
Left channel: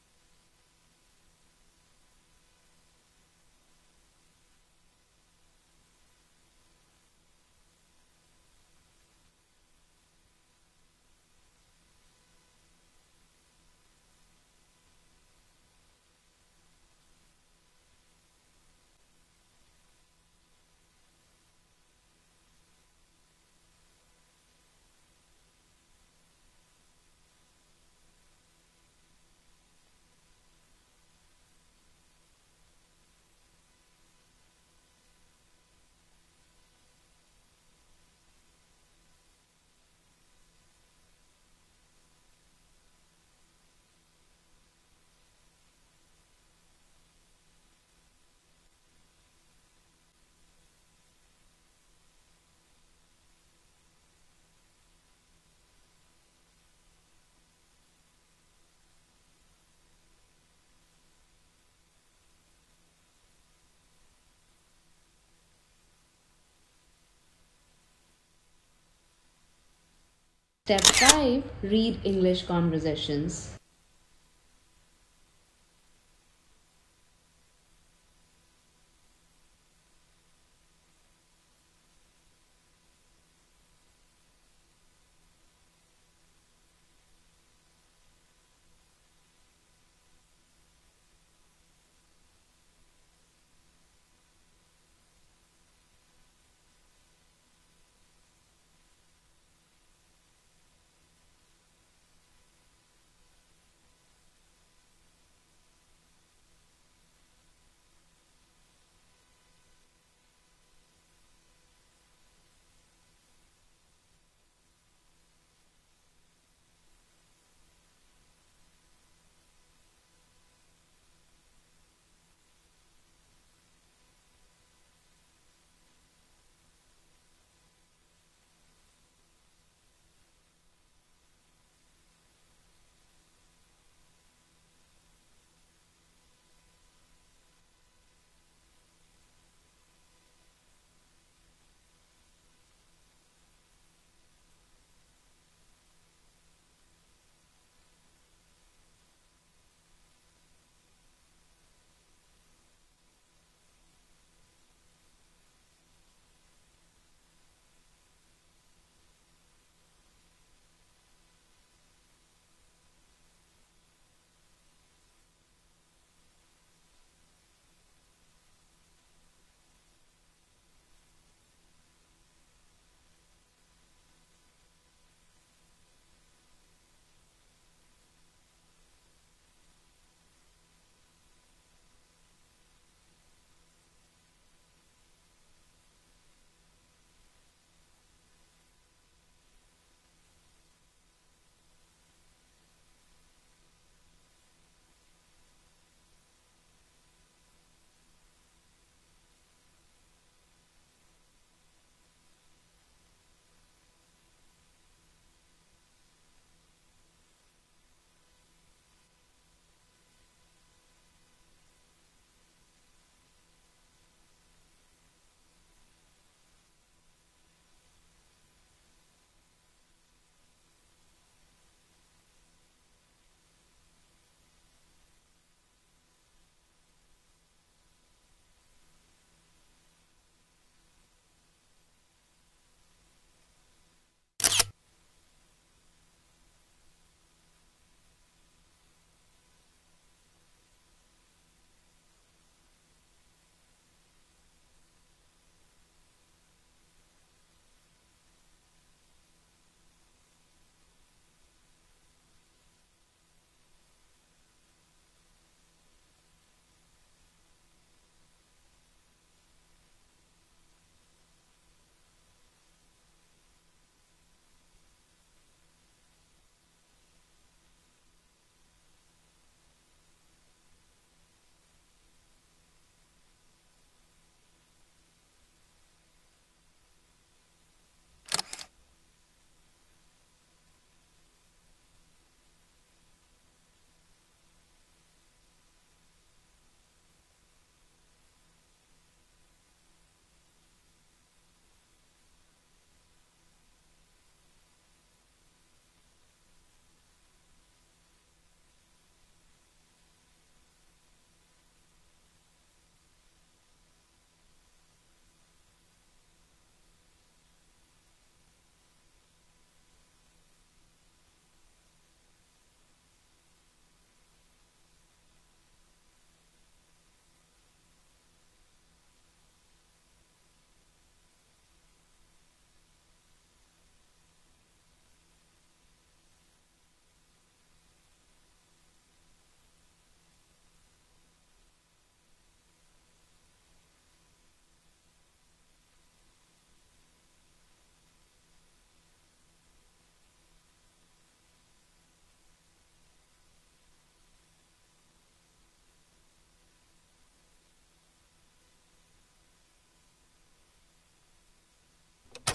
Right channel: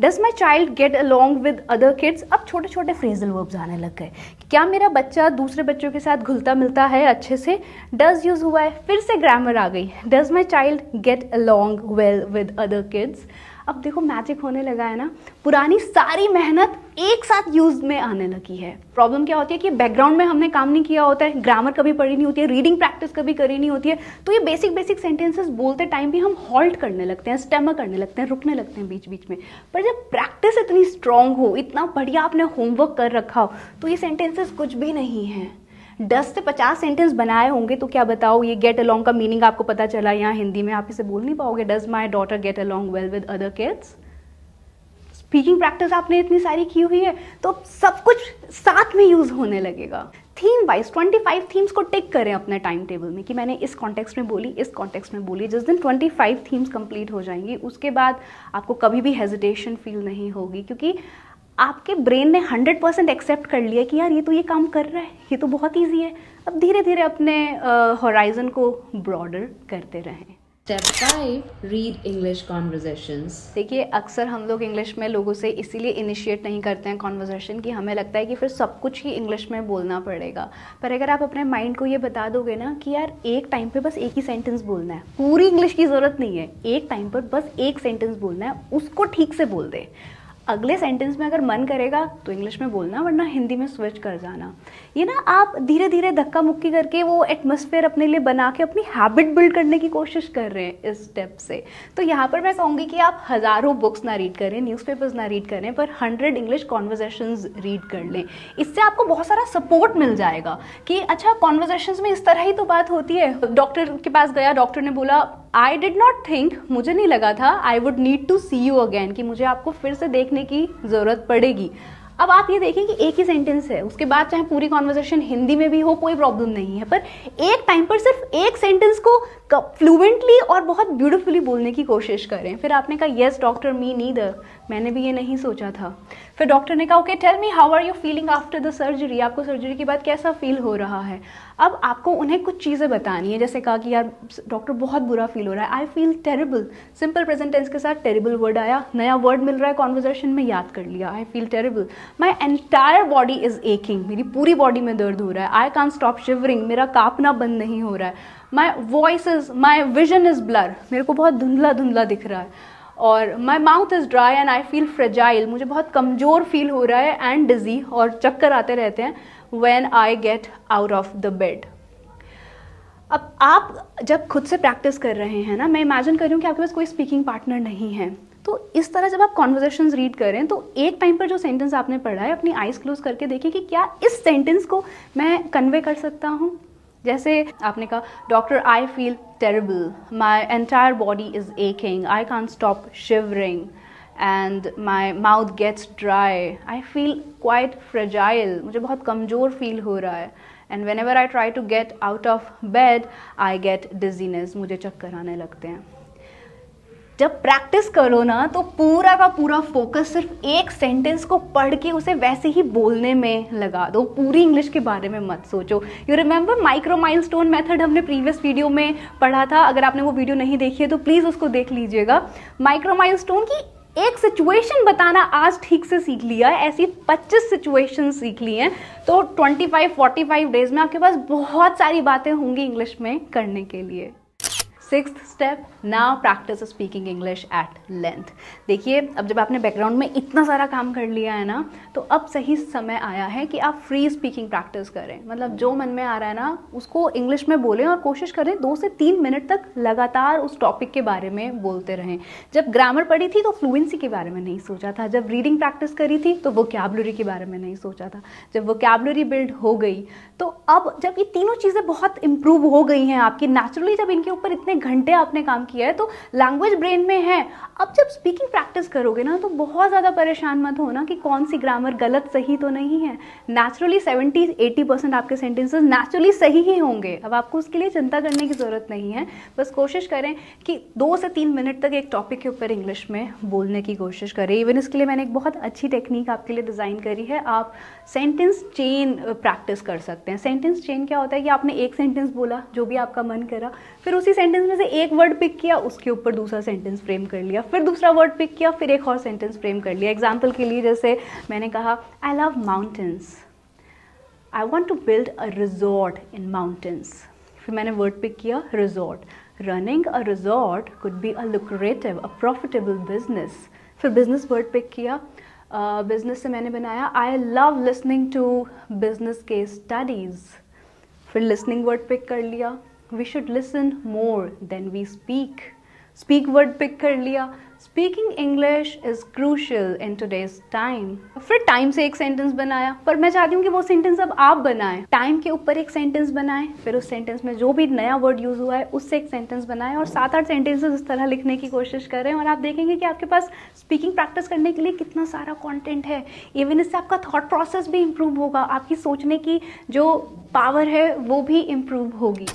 Does my child get along with other kids? अब छोटे छोटे फ्रेजल वर्ब्स आने लग गए, क्या मेरा बच्चा दूसरे बच्चों के साथ घुलता मिलता है अच्छे से? डज यूज़ हुआ है, फिर से ग्रामर आ गई, does my child get along well with other kids? अब देखो मैजिक होने लगा है ना, पुरानी सारी मेहनत एक साथ यूज में आने लगी है। प्रॉब्लम क्या होती है कि बैकग्राउंड में हमने काम नहीं किया होता है, ग्रामर कभी पढ़ी नहीं होती है, रीडिंग प्रैक्टिस कभी करी नहीं होती है, तो ये बेसिक सेंटेंसेस बोलते टाइम भी हम हॉल्ट करने लगते हैं, स्टेमर करने लगते हैं, रुकने लगते हैं बीच बीच में। पर जब प्रैक्टिस इतनी स्ट्रांग हो, इतना बढ़िया आपने होमवर्क कर रखा हो, तो ये सेंटेंसेस कुछ भी नहीं है। 10 से 50 सेंटेंस बनाए होंगे तो क्या बताओ, ये गेट अलॉन्ग का मीनिंग आपको पता चला यहाँ हिंदी में, आप इसे बोल नहीं पाओगे, does my daughter get along well with other kids? Speaking practice आपने इतनी सारी की हुई है, तो सब कुछ साथ में यूज होने लगेगा। थीम वाइज 25 थीम्स को टिक करें अपने टाइम टेबल में कि मैंने इस कॉन्टेक्स्ट में बोली, इस कॉन्टेक्स्ट में बोली। जिस दिन 25 थीम्स कंप्लीट हो जाएंगी, उसके बाद आपको कभी भी हेजिटेशन फील नहीं होगी, क्योंकि आपके ब्रेन ने 100% एक्सेप्ट कर लिया कि यार ये तो ये काम कर रहा है, ये तो बहुत ईजी है। अब धीरे धीरे अपने होराइजन को ब्रॉडर करते रहें। Step 5. Read English conversations. देखिए, अक्सर हम लोग इंग्लिश में लोगों से इसीलिए इनिशिएट नहीं करते हैं कॉन्वर्सेशन कि हमें लगता है कि फिर सब कुछ ही इंग्लिश में बोलना पड़ेगा। पर अगर आप अपने माइंड को ये बता दोगे ना कि यार एक टाइम पे बस एक ही सेंटेंस बोलना है, पूरी इंग्लिश की ज़रूरत नहीं है, एक टाइम पर बस एक सेंटेंस बोलना है, उसको ठीक से बोल दे। अगले सेंटेंस में अगर मन करेगा तो इंग्लिश में बोलना, वरना हिंदी में स्विच कर जाना। ये ना आप धीरे धीरे धक्का मुक्की करके वो एटमॉस्फेयर अपने लिए बना के अपनी हैबिट बिल्ड करने की कोशिश कर रहे हैं इस स्टेप से। तो यहाँ पर मैं कहूँगी कि आप हज़ारों बुक्स ना रीड करें, न्यूज़पेपर्स ना रीड करें, पर 100 इंग्लिश कॉन्वर्सेशंस रीड कर लें। इससे आपको बहुत सारा सपोर्ट मिल जाएगा कि अच्छा कॉन्वर्सेशंस में इस तरह ही तो बात होती है। डॉक्टर के पास गया, डॉक्टर ने बोला आई डिड नॉट थिंक, मुझे नहीं लगा था, I would need to see you again, कि मुझे आपको फिर से देखने की ज़रूरत पड़ेगी। अब आप ये देखें कि एक ही सेंटेंस है, उसके बाद चाहे पूरी कॉन्वर्सेशन हिंदी में भी हो, कोई प्रॉब्लम नहीं है, पर एक टाइम पर सिर्फ एक सेंटेंस को फ्लुएंटली और बहुत ब्यूटीफुली बोलने की कोशिश करें। फिर आपने कहा येस डॉक्टर, मी नीदर, मैंने भी ये नहीं सोचा था। फिर डॉक्टर ने कहा okay tell me how are you feeling after the surgery, आपको सर्जरी के बाद कैसा फील हो रहा है। अब आपको उन्हें कुछ चीज़ें बतानी है, जैसे कहा कि यार डॉक्टर बहुत बुरा फील हो रहा है, I feel terrible, simple present tense के साथ टेरिबल वर्ड आया, नया वर्ड मिल रहा है कॉन्वर्सेशन में, याद कर लिया, I feel terrible. My entire body is aching, मेरी पूरी बॉडी में दर्द हो रहा है। आई कांट स्टॉप शिवरिंग, मेरा कांपना बंद नहीं हो रहा है। My voice is, my vision is blur, मेरे को बहुत धुंधला धुंधला दिख रहा है। और my mouth is dry and I feel fragile, मुझे बहुत कमज़ोर फील हो रहा है, एंड डिजी, और चक्कर आते रहते हैं when I get out of the bed. अब आप जब खुद से प्रैक्टिस कर रहे हैं ना, मैं इमेजिन कर रही हूँ कि आपके पास कोई स्पीकिंग पार्टनर नहीं है, तो इस तरह जब आप कॉन्वर्सेशंस रीड करें तो एक टाइम पर जो सेंटेंस आपने पढ़ा है अपनी आइज़ क्लोज करके देखिए कि क्या इस सेंटेंस को मैं कन्वे कर सकता हूँ। जैसे आपने कहा doctor I feel terrible, my entire body is aching, I can't stop shivering and my mouth gets dry, I feel quite fragile, मुझे बहुत कमज़ोर फील हो रहा है, and whenever I try to get out of bed I get dizziness, मुझे चक्कर आने लगते हैं। जब प्रैक्टिस करो ना तो पूरा का पूरा फोकस सिर्फ एक सेंटेंस को पढ़ के उसे वैसे ही बोलने में लगा दो, पूरी इंग्लिश के बारे में मत सोचो। You remember micro milestone method हमने प्रीवियस वीडियो में पढ़ा था, अगर आपने वो वीडियो नहीं देखी है तो प्लीज़ उसको देख लीजिएगा। माइक्रो माइलस्टोन की एक सिचुएशन बताना आज ठीक से सीख लिया है, ऐसी 25 सिचुएशन सीख ली हैं, तो 25-45 डेज में आपके पास बहुत सारी बातें होंगी इंग्लिश में करने के लिए। 6th step, now practice speaking English at length. देखिए, अब जब आपने बैकग्राउंड में इतना सारा काम कर लिया है ना, तो अब सही समय आया है कि आप फ्री स्पीकिंग प्रैक्टिस करें। मतलब जो मन में आ रहा है ना उसको इंग्लिश में बोलें और कोशिश करें 2 से 3 मिनट तक लगातार उस टॉपिक के बारे में बोलते रहें। जब ग्रामर पढ़ी थी तो फ्लुएंसी के बारे में नहीं सोचा था, जब रीडिंग प्रैक्टिस करी थी तो वोकैबुलरी के बारे में नहीं सोचा था। जब वोकैबुलरी बिल्ड हो गई तो अब जब ये तीनों चीज़ें बहुत इंप्रूव हो गई हैं आपकी, नेचुरली जब इनके ऊपर इतने घंटे आपने काम किया है तो लैंग्वेज ब्रेन में है। अब जब स्पीकिंग प्रैक्टिस करोगे ना तो बहुत ज़्यादा परेशान मत होना कि कौन सी ग्रामर गलत सही तो नहीं है। नेचुरली 70-80% आपके सेंटेंसेस नेचुरली सही ही होंगे। अब आपको उसके लिए चिंता करने की ज़रूरत नहीं है। बस कोशिश करें कि 2 से 3 मिनट तक एक टॉपिक के ऊपर इंग्लिश में बोलने की कोशिश करें। इवन इसके लिए मैंने एक बहुत अच्छी टेक्निक आपके लिए डिज़ाइन करी है। आप सेंटेंस चेन प्रैक्टिस कर सकते हैं। सेंटेंस चेन क्या होता है कि आपने एक सेंटेंस बोला जो भी आपका मन करा, फिर उसी सेंटेंस में से एक वर्ड पिक किया, उसके ऊपर दूसरा सेंटेंस फ्रेम कर लिया, फिर दूसरा वर्ड पिक किया, फिर एक और सेंटेंस फ्रेम कर लिया। एग्जाम्पल के लिए जैसे मैंने कहा I love mountains, I want to build a resort in mountains, फिर मैंने वर्ड पिक किया resort. Running a resort could be a lucrative, a profitable business, फिर बिजनेस वर्ड पिक किया। बिजनेस से मैंने बनाया I love listening to business case studies, फिर listening word pick कर लिया। We should listen more than we speak, speak word pick कर लिया। Speaking English is crucial in today's time. फिर टाइम से एक सेंटेंस बनाया, पर मैं चाहती हूँ कि वो सेंटेंस अब आप बनाएं। टाइम के ऊपर एक सेंटेंस बनाएं, फिर उस सेंटेंस में जो भी नया वर्ड यूज हुआ है उससे एक सेंटेंस बनाएं और 7-8 सेंटेंसेस इस तरह लिखने की कोशिश करें और आप देखेंगे कि आपके पास स्पीकिंग प्रैक्टिस करने के लिए कितना सारा कंटेंट है। इवन इससे आपका थॉट प्रोसेस भी इम्प्रूव होगा, आपकी सोचने की जो पावर है वो भी इम्प्रूव होगी।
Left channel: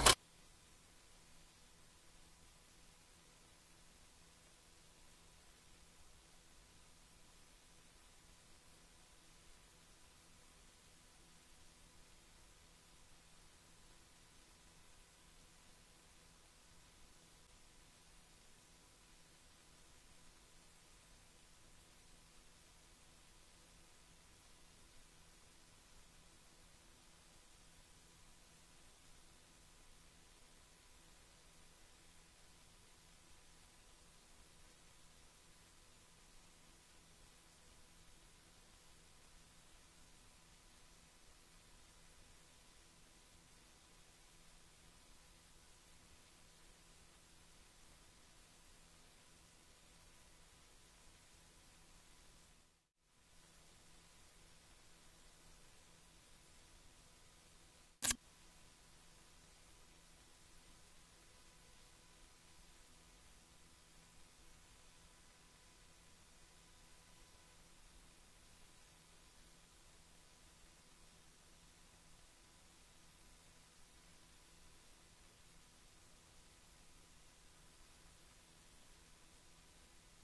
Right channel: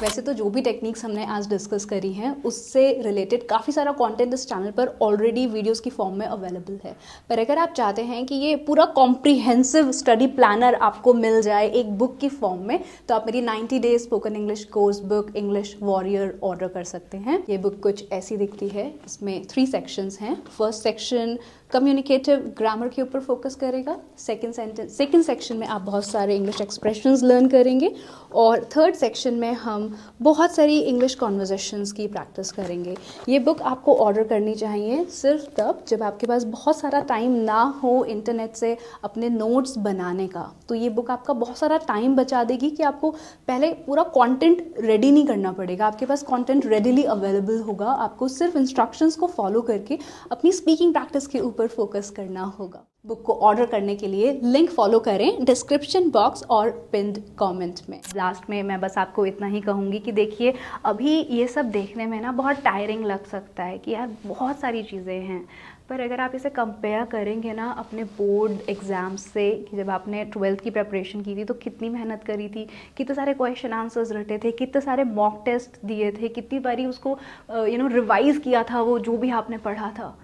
वैसे तो जो भी टेक्निक्स हमने आज डिस्कस करी हैं उससे रिलेटेड काफ़ी सारा कंटेंट इस चैनल पर ऑलरेडी वीडियोस की फॉर्म में अवेलेबल है। पर अगर आप चाहते हैं कि ये पूरा कॉम्प्रिहेंसिव स्टडी प्लानर आपको मिल जाए एक बुक की फॉर्म में, तो आप मेरी 90 days spoken English course book English warrior order कर सकते हैं। ये बुक कुछ ऐसी दिखती है। इसमें 3 सेक्शंस हैं। फर्स्ट सेक्शन कम्युनिकेटिव ग्रामर के ऊपर फोकस करेगा। सेकंड सेक्शन में आप बहुत सारे इंग्लिश एक्सप्रेशंस लर्न करेंगे और थर्ड सेक्शन में हम बहुत सारी इंग्लिश कॉन्वर्जेशंस की प्रैक्टिस करेंगे। ये बुक आपको ऑर्डर करनी चाहिए सिर्फ तब जब आपके पास बहुत सारा टाइम ना हो इंटरनेट से अपने नोट्स बनाने का। तो ये बुक आपका बहुत सारा टाइम बचा देगी कि आपको पहले पूरा कंटेंट रेडी नहीं करना पड़ेगा। आपके पास कंटेंट रेडीली अवेलेबल होगा। आपको सिर्फ इंस्ट्रक्शंस को फॉलो करके अपनी स्पीकिंग प्रैक्टिस के ऊपर फोकस करना होगा। बुक को ऑर्डर करने के लिए लिंक फॉलो करें डिस्क्रिप्शन बॉक्स और पिन्ड कमेंट में। लास्ट में मैं बस आपको इतना ही कहूँगी कि देखिए, अभी ये सब देखने में ना बहुत टायरिंग लग सकता है कि यार बहुत सारी चीज़ें हैं, पर अगर आप इसे कंपेयर करेंगे ना अपने बोर्ड एग्ज़ाम से, कि जब आपने 12th की प्रिपरेशन की थी तो कितनी मेहनत करी थी, कितने सारे क्वेश्चन आंसर्स रटे थे, कितने सारे मॉक टेस्ट दिए थे, कितनी बारी उसको रिवाइज़ किया था वो जो भी आपने पढ़ा था।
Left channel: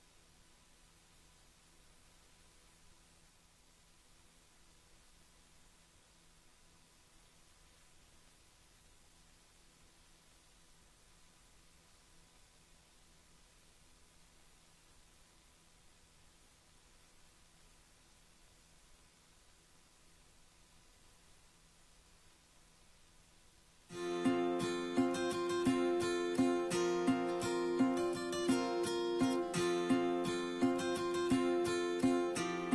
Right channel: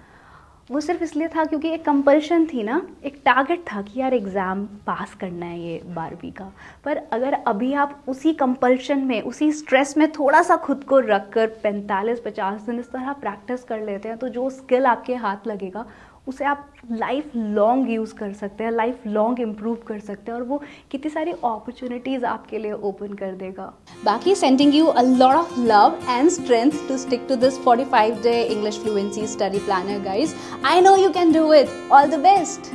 वो सिर्फ इसलिए था क्योंकि एक कंपल्शन थी ना, एक टारगेट था कि यार एग्ज़ाम पास करना है ये 12वीं का। पर अगर अभी आप उसी कंपल्शन में, उसी स्ट्रेस में थोड़ा सा खुद को रख कर 45-50 दिन इस तरह प्रैक्टिस कर लेते हैं तो जो स्किल आपके हाथ लगेगा उसे आप लाइफ लॉन्ग यूज़ कर सकते हैं, लाइफ लॉन्ग इम्प्रूव कर सकते हैं और वो कितनी सारी अपॉर्चुनिटीज़ आपके लिए ओपन कर देगा। बाकी sending you a lot of love and strength to stick to this 45-day English fluency study planner, guys. I know you can do it. All the best.